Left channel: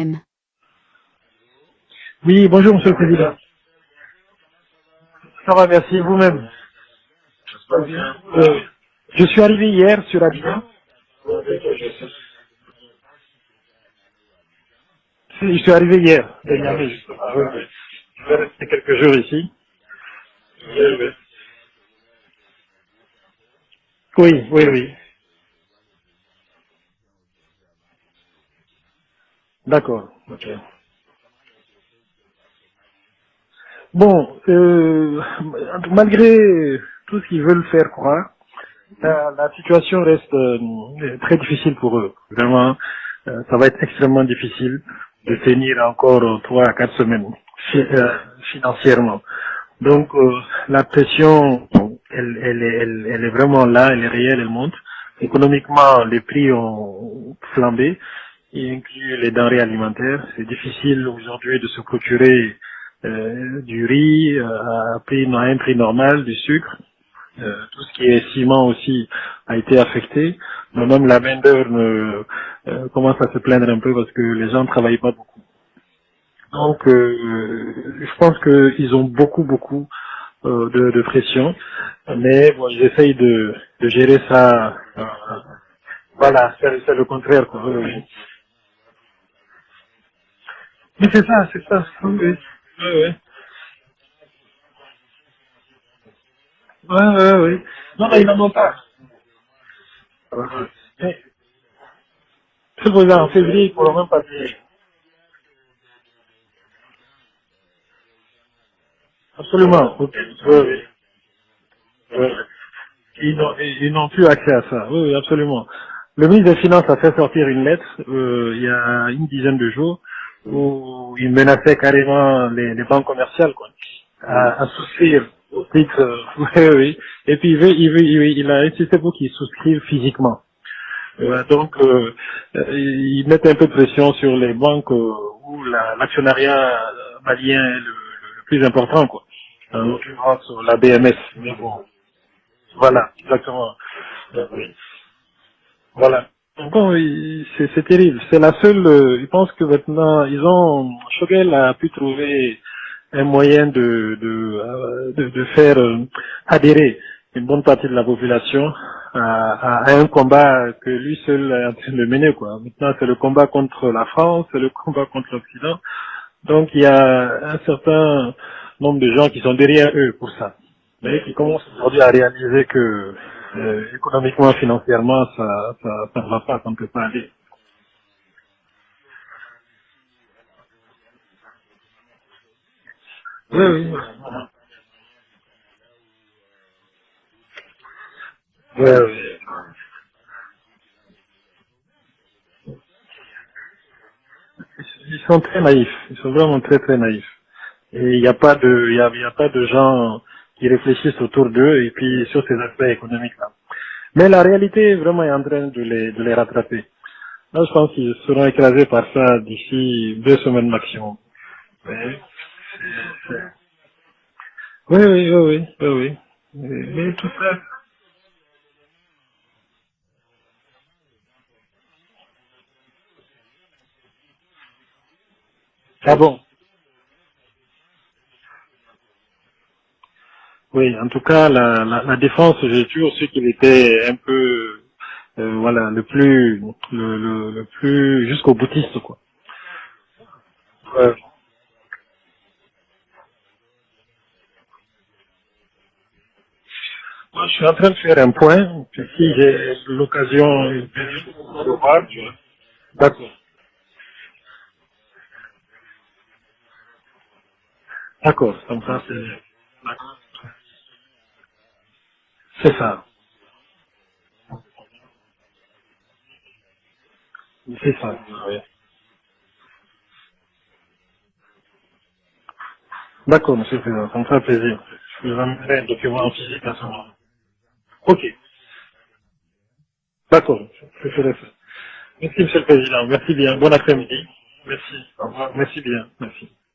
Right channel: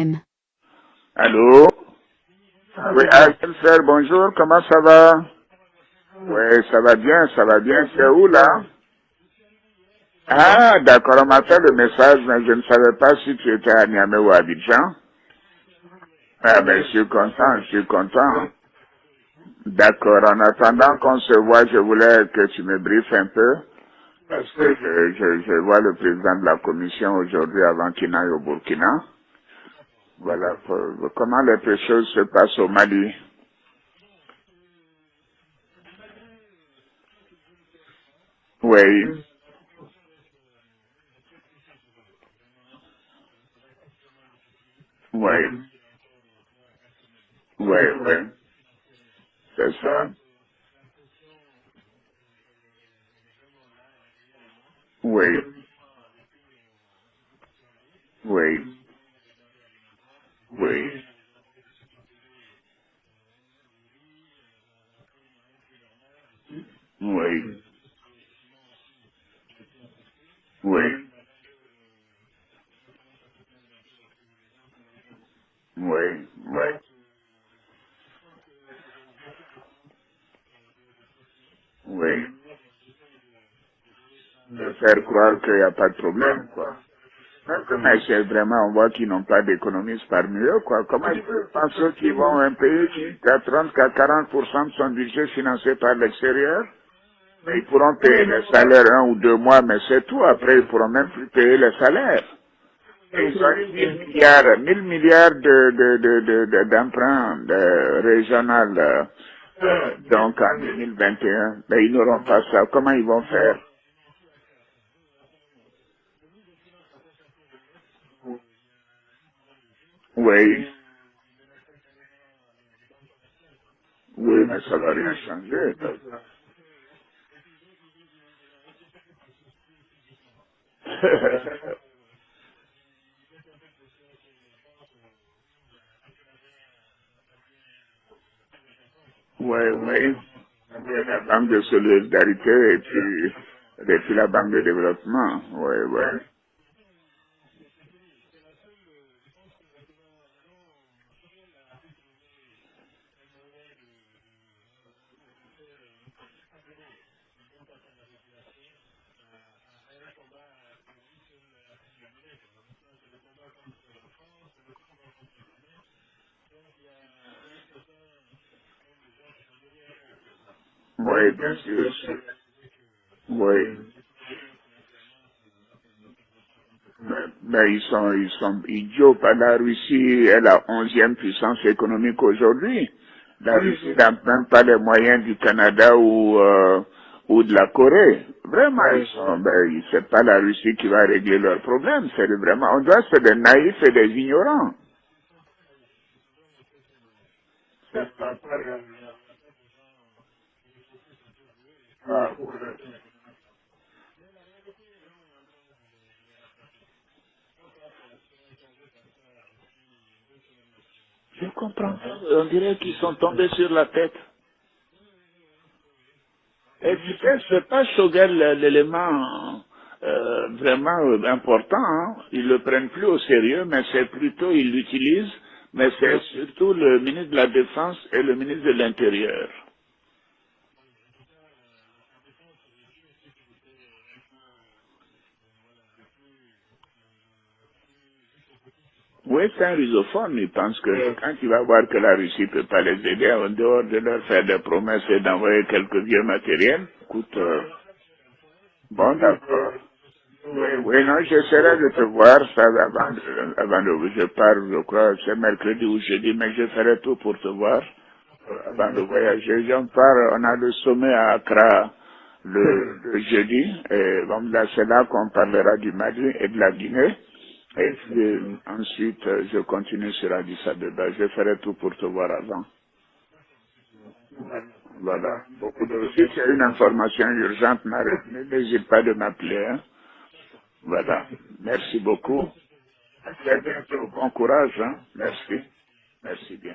M. Allô? Oui, bonjour Monsieur le Oui, Président. frère, bonjour, comment ça va? Ça va, merci, vous-même. Oui, ça va bien, ça va bien. Ça va Tu es bien. où là? Je suis arrivé hier sur Abidjan. Ah, d'accord, on m'a fait le message, mais je ne savais pas si tu étais à Niamey ou à Abidjan. Je suis arrivé hier de Ah, ben, je Niamey, suis justement. content, je suis Je vais content. rester quelques jours ici. D'accord, en attendant Oui, qu'on se voit, je voulais que tu me briefes un peu, oui, parce oui. que Oui. je vois le président de la commission aujourd'hui avant qu'il n'aille au Burkina. D'accord, ok. Voilà, comment les choses se passent au Mali. Bon, malgré tout ce qu'ils veulent faire croire, Oui, la situation reste très difficile pour eux. Vraiment, ça va être extrêmement difficile de oui, tenir encore 3 à 4 semaines oui, oui, financièrement. c'est ça. Donc la pression, elle est vraiment là, elle est réelle, elle monte. Oui, Économiquement, les prix ont flambé, oui, y inclut les denrées alimentaires. C'est oui, difficile aujourd'hui de se procurer du riz à un prix normal, du sucre. oui, Tout ce qui est ciment aussi a été affecté. oui, Même la main-d'œuvre commence à se plaindre un peu parce que les gens ne travaillent pas beaucoup. oui, oui. Donc, je pense qu'ils ont beaucoup de pression, Oui. mais bon, ils essayent de gérer De ça. faire croire qu'il n'y a pas de problème, Voilà, quoi. c'est le contraire, quoi. Oui, Mais oui. c'est vraiment, on voit qu'ils n'ont pas d'économistes parmi eux, quoi. Mais Comment ils c'est peuvent ça, c'est ça. penser Oui, qu'ils oui. vont un pays Oui, qui a 30 à 40% de son budget financé par l'extérieur? oui. Oui, Et oui. ils pourront Non, payer ils n'en les ont pas. salaires 1 ou 2 mois, mais c'est tout. Ouais, Après, ils ouais. pourront même Mais, plus payer les salaires. c'est pour ça, Et en ils ont février, eu ils pourront même pas payer. 1000 milliards d'emprunts régional, Absolument. Ok. donc en Oui, oui. 2021. Mais ils n'auront Oui. pas ça. Comment ils vont faire? Ils n'ont plus accès à ça. Oui, oui, absolument. Le ministre des Finances a fait sortir une lettre il y a une dizaine de jours Oui, où il menaçait carrément les banques commerciales quoi, oui, mais à ça va rien souscrire au changer. Ça titre. va. Oui, oui. Et puis il a insisté pour qu'ils souscrivent physiquement. Voilà, donc ils mettent un peu de pression sur les banques où l'actionnariat malien est le plus important quoi. Oui, En oui. l'occurrence la Oui, BMS. la Banque Mais de bon, solidarité voilà, exactement. et puis la Banque de Oui. développement. Oui, oui. Voilà. Bon, c'est terrible. C'est la seule. Je pense que maintenant, Choguel a pu trouver un moyen de faire adhérer une bonne partie de la population à un combat que lui seul est en train de mener, quoi. Maintenant, c'est le combat contre la France, c'est le combat contre l'Occident. Donc, il y a un certain nombre de gens qui sont derrière eux pour ça, mais Oui, qui bien commencent sûr. aujourd'hui à réaliser que Oui. économiquement, financièrement, ça ne va pas, ça ne peut pas aller. Mais ils sont idiots. La Russie est la 11e puissance économique aujourd'hui. La Oui, Russie oui, n'a voilà. même pas les moyens du Canada ou de la Corée. Vraiment, Oui, oui. c'est pas la Russie qui va régler leurs problèmes. C'est vraiment, on doit c'est des naïfs et des ignorants. Ils sont très naïfs. Ils sont vraiment très naïfs. Et il n'y a pas de, il y a pas de gens qui réfléchissent autour d'eux et puis Ah, sur ces aspects économiques-là. Mais la réalité vraiment est en train de les rattraper. Là, je pense qu'ils seront écrasés par ça d'ici 2 semaines maximum. je comprends pas. Mais, On dirait qu'ils sont tombés sur la tête. oui, oui, oui, oui, oui, oui. Et Mais tu tout sais, ça, c'est pas Choguel l'élément vraiment important. Hein. Ils le prennent plus au sérieux, mais c'est plutôt, ils l'utilisent, mais ah c'est bon. surtout le ministre de la Défense et le ministre de l'Intérieur. Oui, en tout cas, la défense, j'ai toujours su qu'il était un peu, voilà, le plus jusqu'au boutiste, quoi. Oui, c'est un rusophone. Il pense que Ouais. quand il va voir que la Russie peut pas les aider, en dehors de leur faire des promesses et d'envoyer quelques vieux matériels, écoute, Moi, je suis en train de faire un point, puis bon, si d'accord. j'ai l'occasion Oui, oui, non, de vous j'essaierai de te revoir, voir ça d'accord. avant de, je pars, je crois, c'est mercredi ou jeudi, mais je ferai tout pour te voir D'accord, ça me avant de fera plaisir. voyager. On D'accord. part, on a le sommet à Accra C'est ça, le jeudi, et bon, là, c'est là qu'on parlera du Mali et de la Guinée. Et c'est ça, puis, oui. ensuite, je continue sur Addis Abeba. Je ferai tout pour te voir avant. D'accord, monsieur le Président, ça me fera plaisir. Je Voilà. vais Au amener un bout de, document si tu as aussi une dans ce moment. information urgente, Ok, n'hésite pas de m'appeler, hein. d'accord, je Voilà. ferai ça. Merci Merci, beaucoup. monsieur le Président, À merci bien, très bon bientôt. après-midi. Bon courage, Merci, hein. au revoir, Merci. merci bien, merci. Merci bien.